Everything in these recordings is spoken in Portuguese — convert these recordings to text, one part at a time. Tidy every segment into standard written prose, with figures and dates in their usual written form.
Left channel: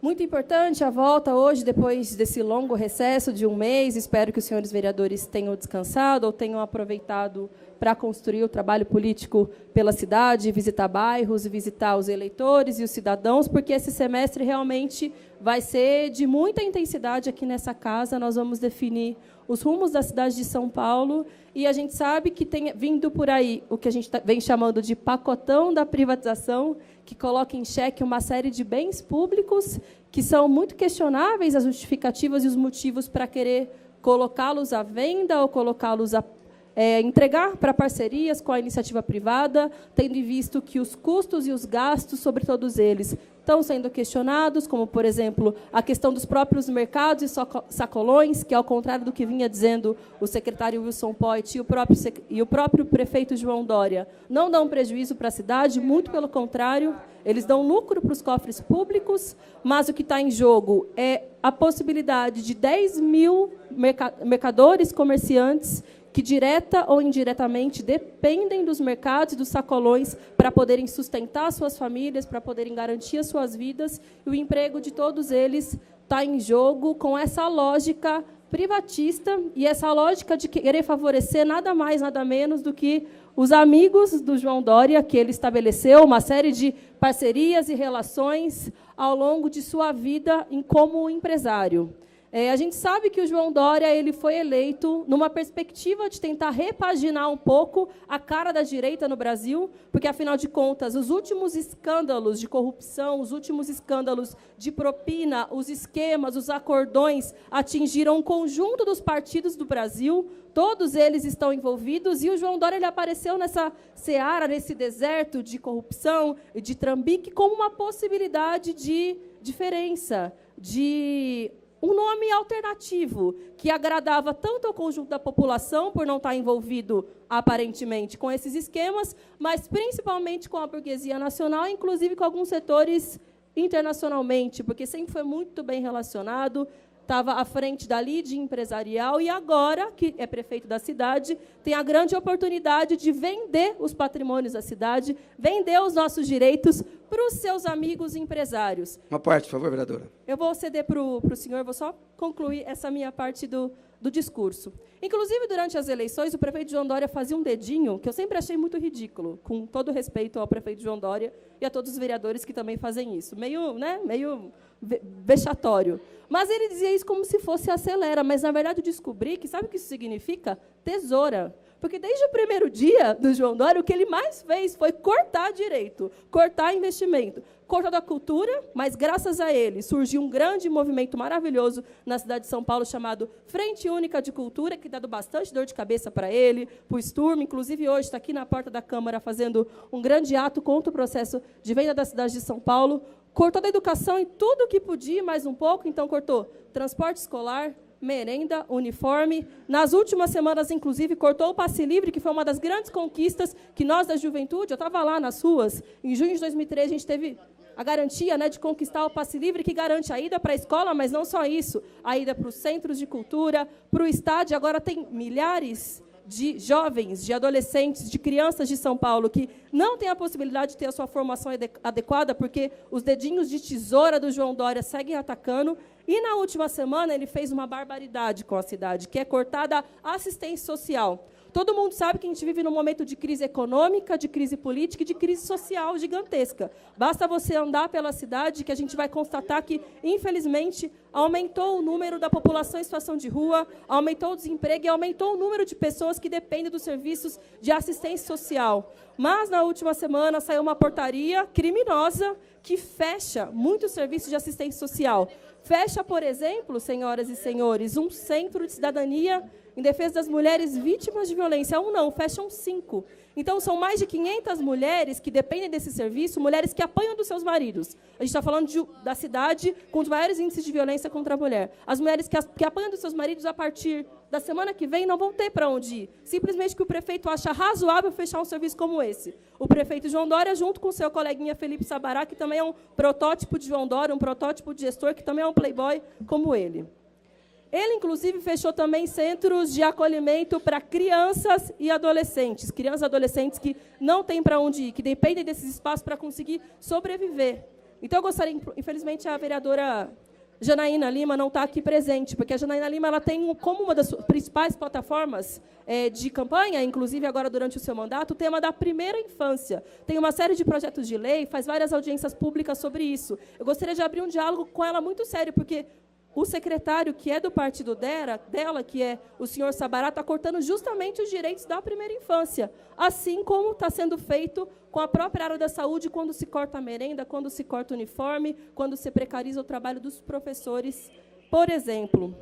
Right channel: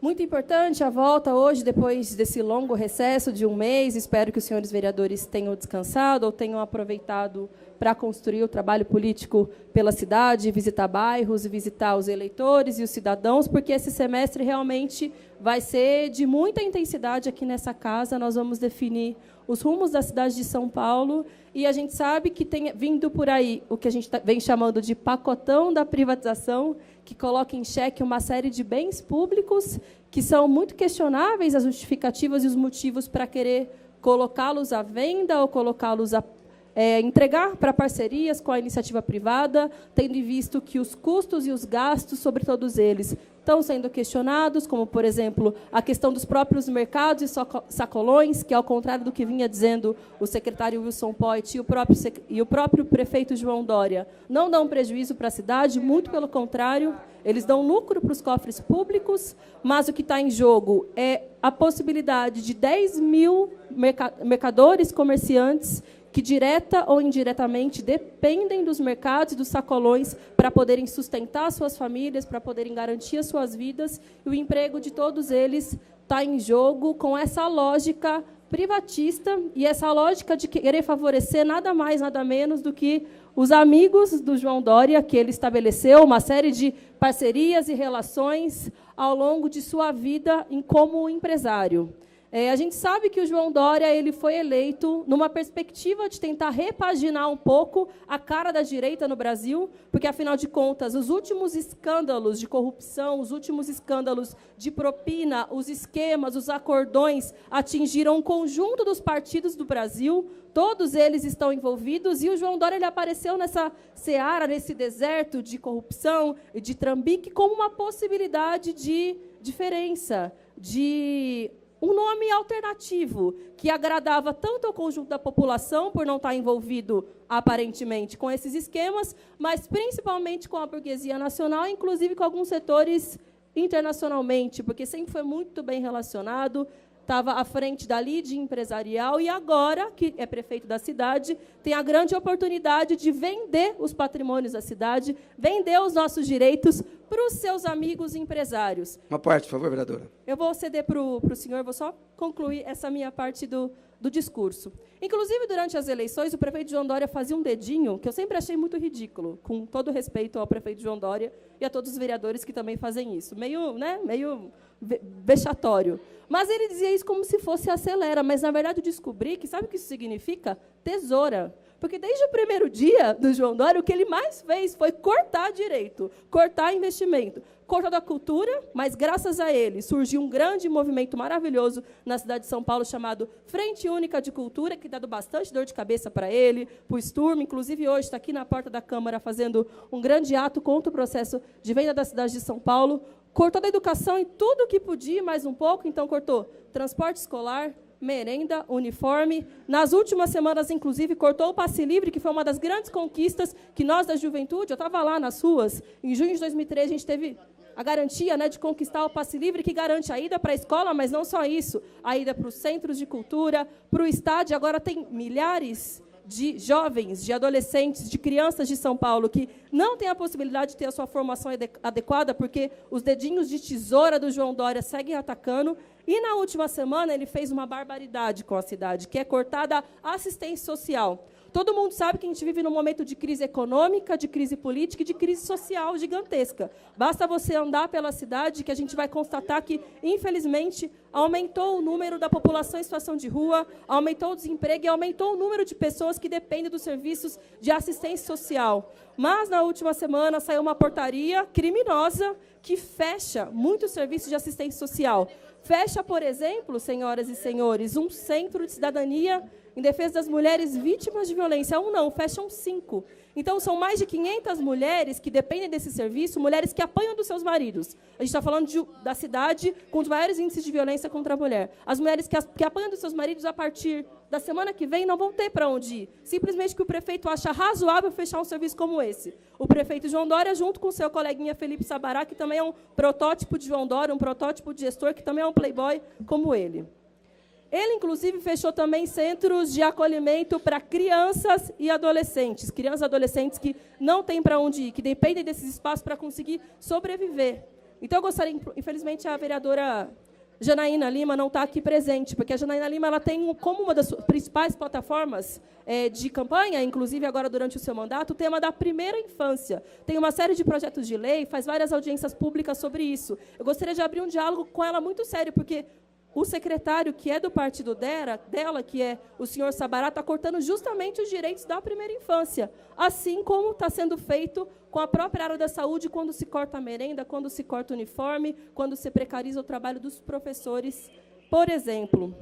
Muito importante a volta hoje, depois desse longo recesso de um mês. Espero que os senhores vereadores tenham descansado ou tenham aproveitado para construir o trabalho político pela cidade, visitar bairros, visitar os eleitores e os cidadãos, porque esse semestre realmente vai ser de muita intensidade aqui nessa casa. Nós vamos definir os rumos da cidade de São Paulo e a gente sabe que tem vindo por aí o que a gente vem chamando de pacotão da privatização, que coloca em xeque uma série de bens públicos que são muito questionáveis as justificativas e os motivos para querer colocá-los à venda ou colocá-los a entregar para parcerias com a iniciativa privada, tendo em vista que os custos e os gastos sobre todos eles estão sendo questionados, como, por exemplo, a questão dos próprios mercados e sacolões, que, ao contrário do que vinha dizendo o secretário Wilson Poit e o próprio prefeito João Dória, não dão prejuízo para a cidade, muito pelo contrário, eles dão lucro para os cofres públicos, mas o que está em jogo é a possibilidade de 10 mil mercadores, comerciantes, que direta ou indiretamente dependem dos mercados e dos sacolões para poderem sustentar suas famílias, para poderem garantir as suas vidas, e o emprego de todos eles está em jogo com essa lógica privatista e essa lógica de querer favorecer nada mais, nada menos do que os amigos do João Dória, que ele estabeleceu uma série de parcerias e relações ao longo de sua vida como empresário. A gente sabe que o João Dória ele foi eleito numa perspectiva de tentar repaginar um pouco a cara da direita no Brasil, porque, afinal de contas, os últimos escândalos de corrupção, os últimos escândalos de propina, os esquemas, os acordões atingiram um conjunto dos partidos do Brasil, todos eles estão envolvidos, e o João Dória ele apareceu nessa seara, nesse deserto de corrupção e de trambique, como uma possibilidade de diferença, de um nome alternativo, que agradava tanto ao conjunto da população, por não estar envolvido, aparentemente, com esses esquemas, mas principalmente com a burguesia nacional, inclusive com alguns setores internacionalmente, porque sempre foi muito bem relacionado, estava à frente da lide empresarial e agora, que é prefeito da cidade, tem a grande oportunidade de vender os patrimônios da cidade, vender os nossos direitos para os seus amigos empresários. Uma parte, por favor, vereadora. Eu vou ceder para o senhor, vou só concluir essa minha parte do discurso. Inclusive, durante as eleições, o prefeito João Dória fazia um dedinho, que eu sempre achei muito ridículo, com todo respeito ao prefeito João Dória e a todos os vereadores que também fazem isso. Meio vexatório. Mas ele dizia isso como se fosse acelera, mas, na verdade, eu descobri que, sabe o que isso significa? Tesoura. Porque desde o primeiro dia do João Dória, o que ele mais fez foi cortar direito, cortar investimento, cortar da cultura, mas, graças a ele, surgiu um grande movimento maravilhoso na cidade de São Paulo, chamado Frente Única de Cultura, que dá bastante dor de cabeça para ele, para o Sturm, inclusive hoje está aqui na porta da Câmara fazendo um grande ato contra o processo de venda da cidade de São Paulo, cortou da educação em tudo o que podia, mais um pouco, então cortou transporte escolar, merenda, uniforme. Nas últimas semanas, inclusive, cortou o passe livre, que foi uma das grandes conquistas que nós, da juventude, eu estava lá nas ruas, em junho de 2013, a gente teve a garantia, de conquistar o passe livre, que garante a ida para a escola, mas não só isso, a ida para os centros de cultura, para o estádio. Agora tem milhares de jovens, de adolescentes, de crianças de São Paulo que não têm a possibilidade de ter a sua formação adequada, porque os dedinhos de tesoura do João Dória seguem atacando. E, na última semana, ele fez uma barbaridade com a cidade, que é cortada a assistência social. Todo mundo sabe que a gente vive num momento de crise econômica, de crise política e de crise social gigantesca. Basta você andar pela cidade que a gente vai constatar que, infelizmente, aumentou o número da população em situação de rua, aumentou o desemprego e aumentou o número de pessoas que dependem dos serviços de assistência social. Mas, na última semana, saiu uma portaria criminosa que fecha muitos serviços de assistência social. Fecha, por exemplo, senhoras e senhores, um centro de cidadania em defesa das mulheres vítimas de violência. Não, fecham 5. Então, são mais de 500 mulheres que dependem desse serviço, mulheres que apanham dos seus maridos. A gente está falando da cidade com os maiores índices de violência contra a mulher. As mulheres que apanham dos seus maridos, a partir da semana que vem, não vão ter para onde ir. Simplesmente que o prefeito acha razoável fechar um serviço como esse. O prefeito João Dória, junto com o seu coleguinha Felipe Sabará, que também é um protótipo de João Dória, um protótipo de gestor, que também é um playboy como ele. Ele, inclusive, fechou também centros de acolhimento para crianças e adolescentes que não têm para onde ir, que dependem desses espaços para conseguir sobreviver. Então, eu gostaria, infelizmente, a vereadora Janaína Lima não está aqui presente, porque a Janaína Lima ela tem como uma das principais plataformas de campanha, inclusive agora durante o seu mandato, o tema da primeira infância. Tem uma série de projetos de lei, faz várias audiências públicas sobre isso. Eu gostaria de abrir um diálogo com ela muito sério, porque o secretário, que é do partido dela, que é o senhor Sabará, está cortando justamente os direitos da primeira infância, assim como está sendo feito com a própria área da saúde, quando se corta a merenda, quando se corta o uniforme, quando se precariza o trabalho dos professores, por exemplo.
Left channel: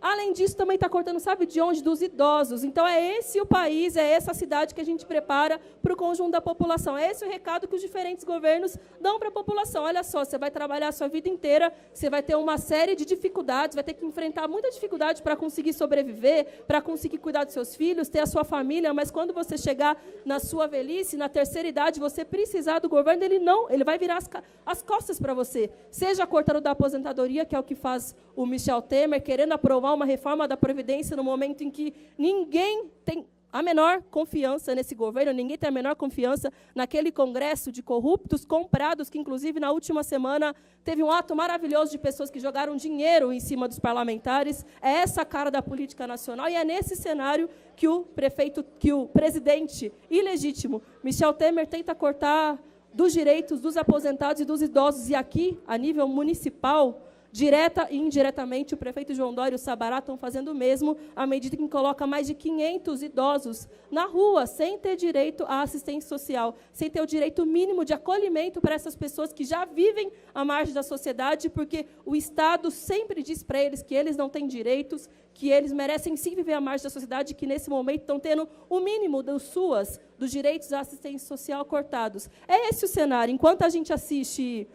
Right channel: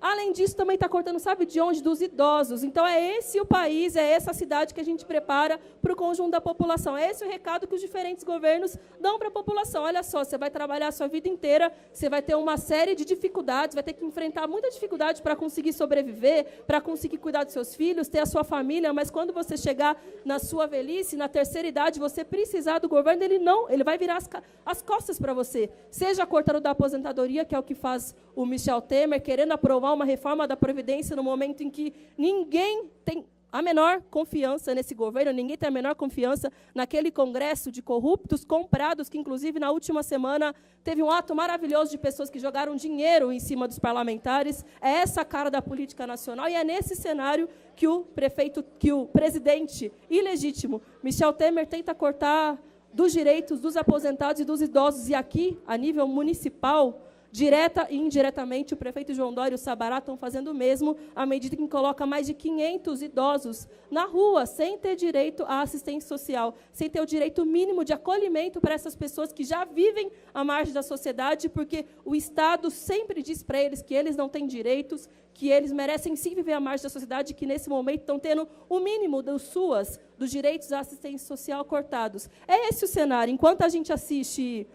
Além disso, também está cortando, sabe de onde? Dos idosos. Então, é esse o país, é essa a cidade que a gente prepara para o conjunto da população. É esse o recado que os diferentes governos dão para a população. Olha só, você vai trabalhar a sua vida inteira, você vai ter uma série de dificuldades, vai ter que enfrentar muita dificuldade para conseguir sobreviver, para conseguir cuidar dos seus filhos, ter a sua família, mas quando você chegar na sua velhice, na terceira idade, você precisar do governo, ele vai virar as costas para você. Seja cortando da aposentadoria, que é o que faz o Michel Temer, querendo aprovar uma reforma da Previdência no momento em que ninguém tem a menor confiança nesse governo, ninguém tem a menor confiança naquele congresso de corruptos comprados, que, inclusive, na última semana, teve um ato maravilhoso de pessoas que jogaram dinheiro em cima dos parlamentares. É essa a cara da política nacional, e é nesse cenário que o presidente ilegítimo, Michel Temer, tenta cortar dos direitos dos aposentados e dos idosos. E aqui, a nível municipal, direta e indiretamente, o prefeito João Dória e o Sabará estão fazendo o mesmo, à medida que coloca mais de 500 idosos na rua, sem ter direito à assistência social, sem ter o direito mínimo de acolhimento para essas pessoas que já vivem à margem da sociedade, porque o Estado sempre diz para eles que eles não têm direitos, que eles merecem sim viver à margem da sociedade, que nesse momento estão tendo o mínimo dos direitos à assistência social cortados. É esse o cenário. Enquanto a gente assiste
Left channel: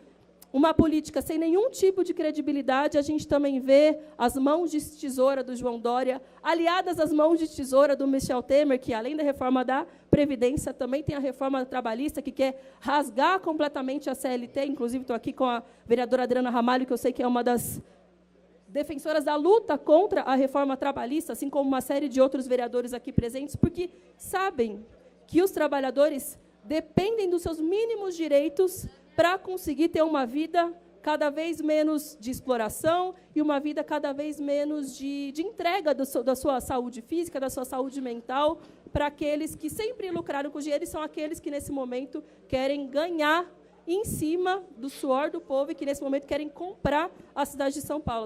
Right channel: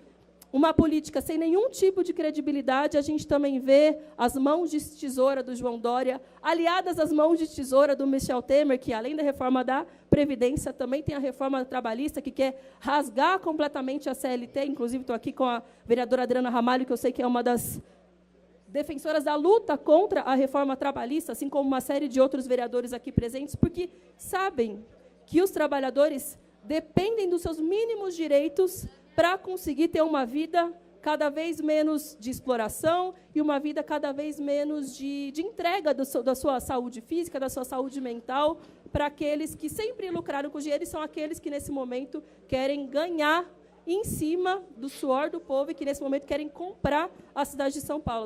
uma política sem nenhum tipo de credibilidade, a gente também vê as mãos de tesoura do João Dória, aliadas às mãos de tesoura do Michel Temer, que, além da reforma da Previdência, também tem a reforma trabalhista, que quer rasgar completamente a CLT. Inclusive, estou aqui com a vereadora Adriana Ramalho, que eu sei que é uma das defensoras da luta contra a reforma trabalhista, assim como uma série de outros vereadores aqui presentes, porque sabem que os trabalhadores dependem dos seus mínimos direitos para conseguir ter uma vida cada vez menos de exploração e uma vida cada vez menos de entrega da sua saúde física, da sua saúde mental, para aqueles que sempre lucraram com dinheiro, e são aqueles que, nesse momento, querem ganhar em cima do suor do povo e que, nesse momento, querem comprar a cidade de São Paulo.